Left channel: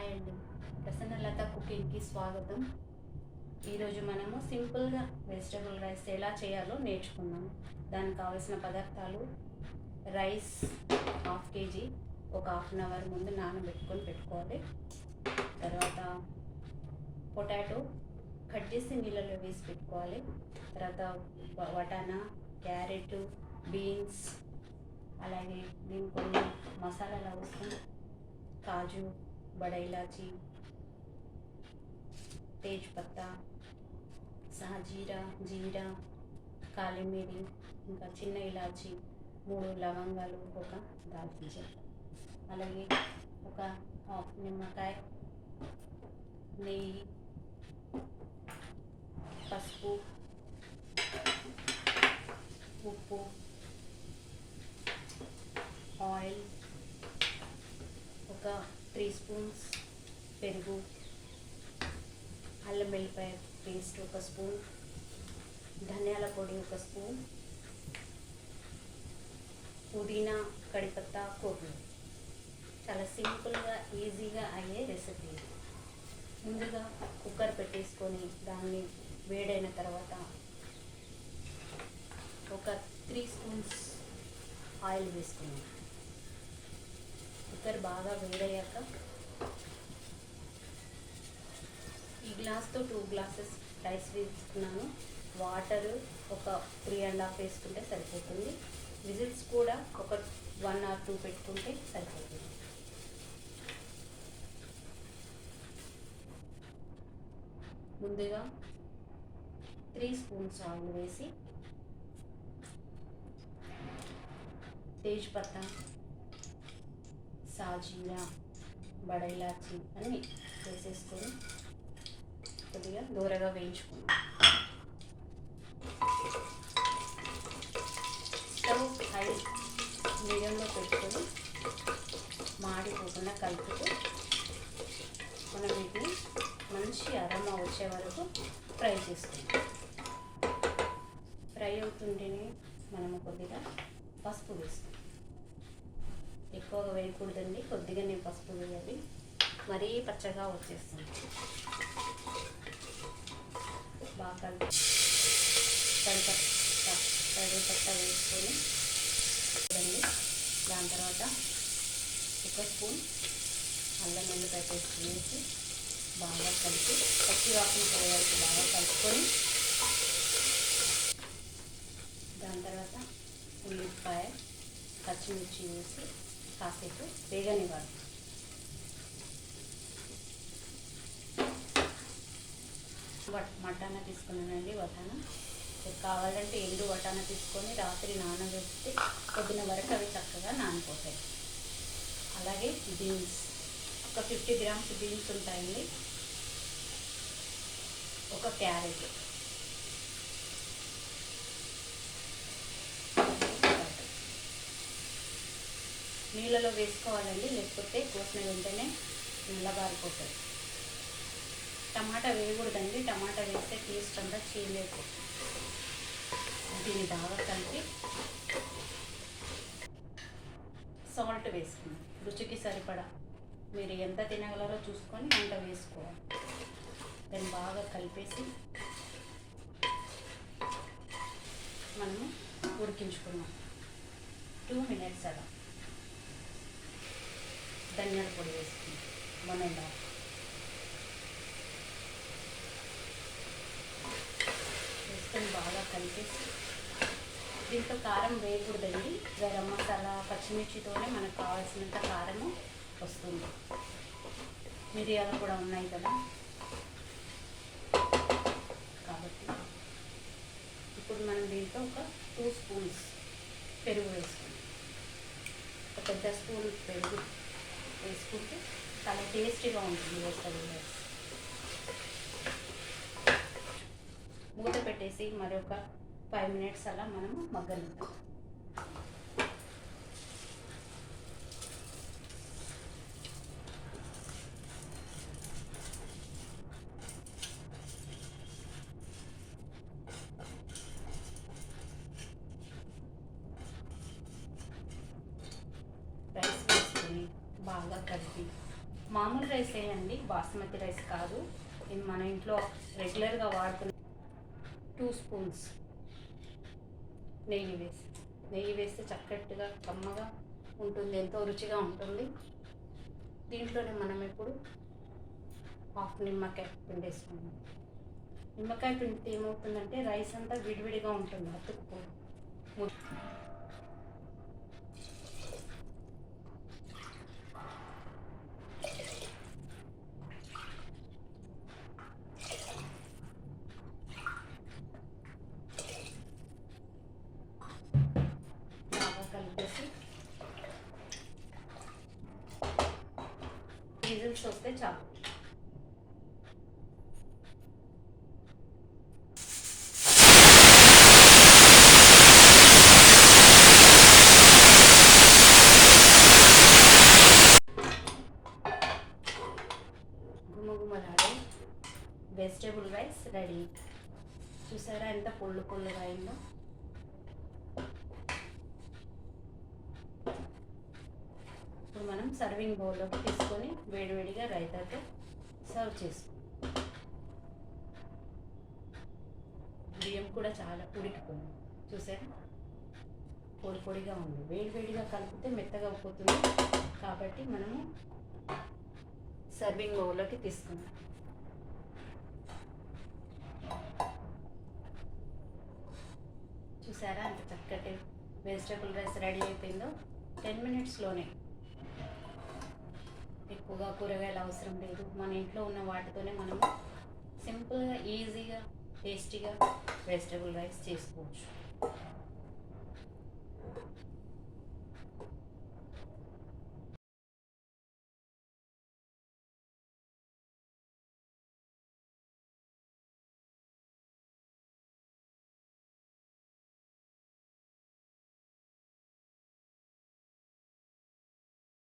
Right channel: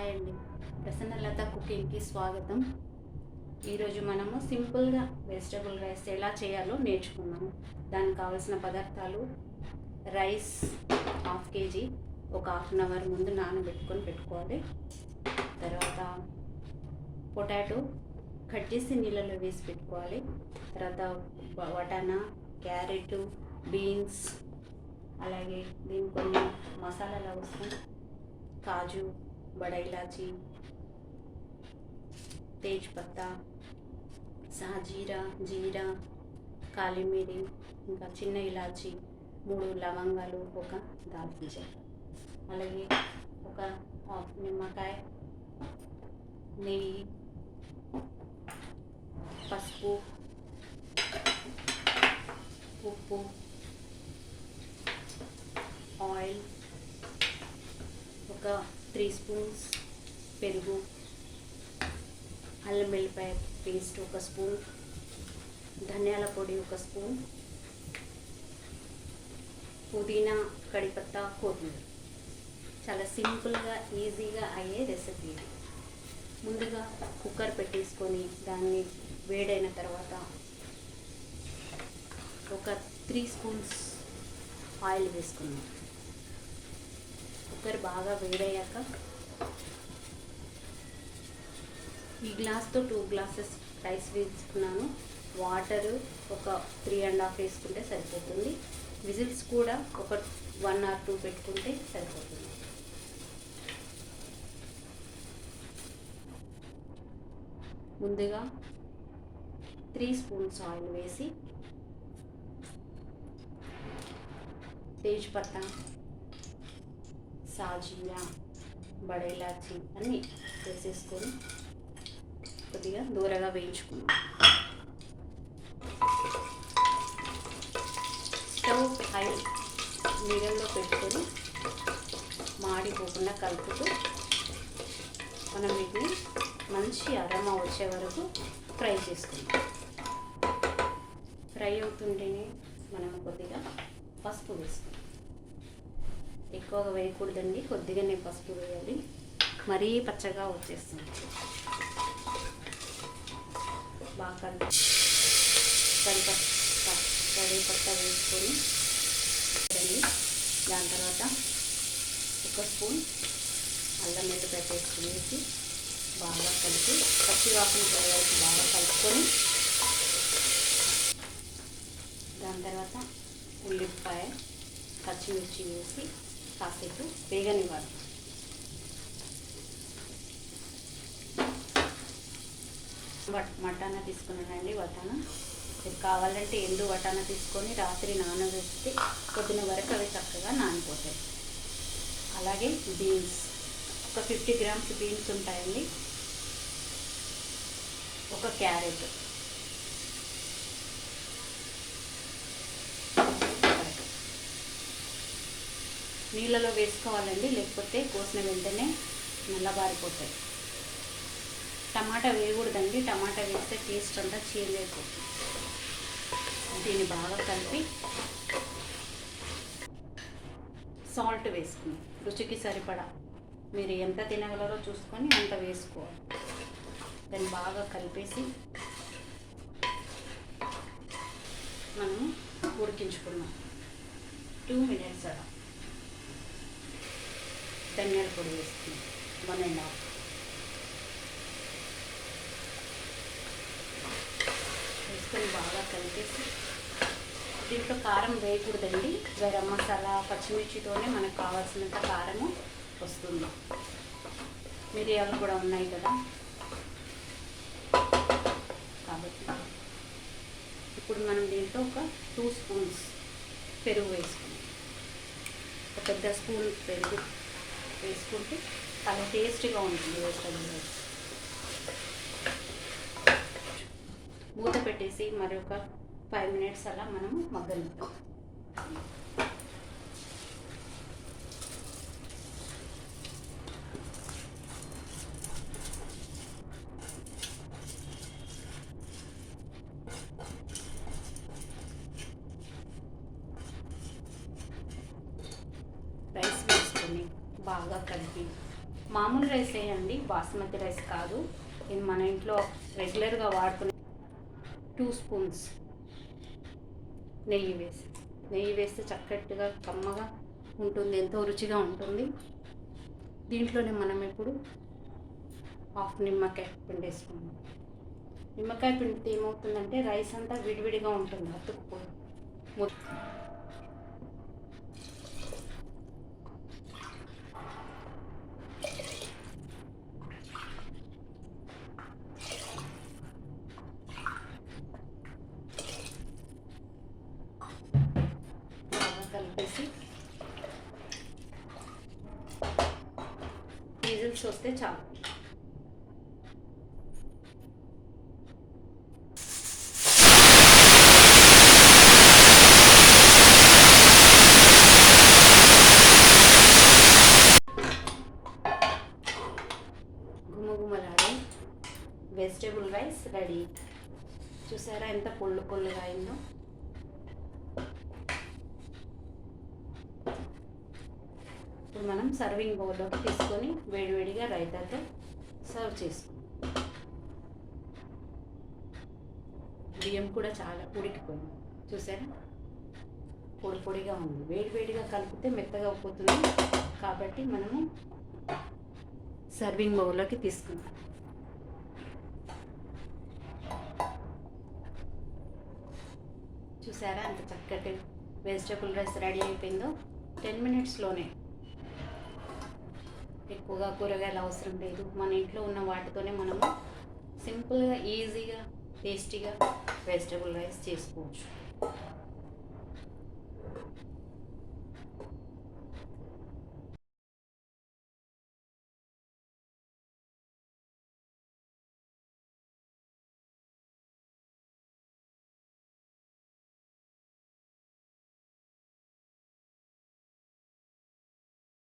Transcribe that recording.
Hi అండి, ప్రసన్నలత కుకింగ్కి స్వాగతం. ఈరోజు మనము సింపుల్గా వెజిటబుల్ రైస్ ఎలా చేయాలో నేర్చుకున్నాము. దానికి కావాల్సిన పదార్థాలు: రైస్ 1/2 kg ఒక 1/2 అవర్ ముందు పెట్టుకోవాలి. తర్వాత పొటాటో కట్ చేసి నీళ్ళలో వేసి పెట్టుకోవాలి. తర్వాత వటానా, క్యారెట్, బీన్స్, అలాగే దీనికి కొన్ని మసాలాలు అవసరం: కాజు, బడా ఇలాచి, తేజ్పత్తా, సాజీరా, జీరా, కాలిమిరి, ఇంకా చిన్న ఇలాచి, 3 లవంగాలు, ఒక దాల్చిన చెక్క, అలాగే ఒక హాఫ్ నిమ్మకాయ, నెయ్యి, పసుపు, ఉప్పు, ఆయిల్, ఒక 3 స్పూన్స్ పెరుగు, అల్లం వెల్లిపాయ పేస్ట్ 1 స్పూన్, ధనియాల పొడి 1 స్పూన్, పుదీనా, కడిపత్తా, కొత్తిమీర. చాలా సింపుల్గా ఈజీగా అయ్యే రెసిపీ. ముందుగా కుక్కర్ పెట్టేసుకొని దాన్ని వేడైన తర్వాత ఒక 3 స్పూన్స్ ఆయిల్ వేసుకున్నాం. కుక్కర్ బాగా వేడయ్యాక ఈ గ్లాస్తో 2 గ్లాసెస్ రైస్ వేసుకున్నాను. వాటర్ ఒక 3.5 వేసుకుంటే సరిపోతుంది. విజిల్స్ కూడా ఒక 1 or 2 పెట్టుకుంటే సరిపోతుంది. ముందుగా 3 స్పూన్స్ ఆయిల్ వేసి తేజ్పత్తా, సాజీరా, బడా ఇలాచి అన్నీ వేసేసుకొని కొద్దిగా దూరగా వేయించుకున్నాం. స్టవ్ హై మీడియంలో పెట్టుకొని మాడిపోకుండా కలుపుతూ మనం వీటిని మంచి అరోమా వచ్చే వరకు ఫ్రై చేసుకుంటాం. ఫ్రై అవుతుంటేనే మనం కొద్దిగా పసుపు వేసుకుంటాం. ఎక్కువగా వేయకూడదండి, కొద్దిగానే పసుపు వేయాలి, మరీ పచ్చగా వచ్చేస్తుంది. బాగా కరివేపత్తా వేసుకొని దాని తర్వాత 1 స్పూన్ అల్లం వెల్లిపాయ పేస్ట్ వేసి బాగా కలిపి పచ్చి వాసన పోయేసి బాగా కలుపుకొని దాని తర్వాత ఉల్లిపాయ, పచ్చిమిర్చి వేసి కాసేపు వేగనివ్వాలి. వటానా తీసుకున్నానండి. వటానా కావాలంటే ఎండు వటానా తీసుకొని రాత్రి నానబెట్టి పొద్దున వరకు అవి చక్కగా నానిపోతాయి. అలాగే బీన్స్ ఒక 50 గ్రామ్స్ బీన్స్ ఉంటాయండి. ఒక క్యారెట్, నీళ్ళలో వేసుకోవాలండి, లేకపోతే కోసిన వెంటనే నల్లబారిపోతాయి. టమాటా వేయకూడదండి, టమాటా వేస్తే టేస్ట్ అంతా చేంజ్ అయిపోతుంది. దీన్ని బాగా కలిపి సాల్ట్ వేసుకుని రుచికి సరిపడా మీరు ఎంత తినగలరో చూసుకొని అంత వేసుకోవాలి. దాన్ని బాగా కలిపేసి మనము ఉడికించుకున్నాం 2 minutes అలా. ధనియాల పొడి వేసుకున్నాం 1.5. బాగా కలిపేసి దీంట్లో కారం వేయకూడదండి, గరం మసాలా, పచ్చిమిర్చితోనే మనకు కావాల్సినంత కారము వస్తుంది. మిరియాలు కూడా ఉన్నాయి కదా, కాబట్టి ఇప్పుడు మనం దీంట్లో ఒక 2 స్పూన్స్ పెరుగు వేసుకుంటాం. ఒక పెద్ద స్పూన్ పెరుగు వేసుకుంటే చాలా టేస్టీగా ఉంటుంది వెజిటబుల్ రైస్. మూత పెట్టేసి మరొక 5 minutes అలా మనము మగ్గనిద్దాం. రైస్ వేసుకొని బాగా కలిపి మామూలు రైస్ వేయండి, బాస్మతి రైస్ కాదు. ఇది మన ఇంట్లో రెగ్యులర్గా వాడుకునే 2 స్పూన్స్ నెయ్యి వేస్తే చక్కటిగా కమ్మగా ఉంటుంది, ఎంతో రుచిగా ఉంటుంది. దీంట్లోనే మనం ఇప్పుడు హాఫ్ నిమ్మకాయ పిండి వేసుకున్నాం. నిమ్మకాయ పిండితే ఏమవుతుందంటే రైస్ అంతా విడివిడిగా ఉంటుంది, అతుక్కుపోయి. కలిపేసి విజిల్స్ వస్తే చాలు. గుమగుమలాడే వెజిటేబుల్ రైస్ రెడీ. చూసారా ఎంత పుల్లుగా అయిందో. ఇప్పుడు మనం సర్వింగ్ బౌల్లోకి తీసుకొని వేడివేడిగా రైతాతో సర్వ్ చేసుకుందాం. బియ్యం కూడా చాలా ఉడికిపోయింది, చూసారా పొడిగా ఉంది. వేడివేడిగా కలిపితే మెత్తగా అయిపోతుంది, కాబట్టి మనము సర్వింగ్ బౌల్లోకి తీసుకుందాం. చూసారా అంత చక్కటి వెజిటేబుల్ రైస్ రెడీ అయిపోయిందో. 10 మినిట్స్లోనే. ఎక్కువగా కూరగాయలు అవసరం లేదు, మన ఇంట్లో ఉన్న వాటితోనే మనము సింపుల్గా ఈజీగా టేస్టీగా వెజిటేబుల్ రైస్ చేసుకోవచ్చు.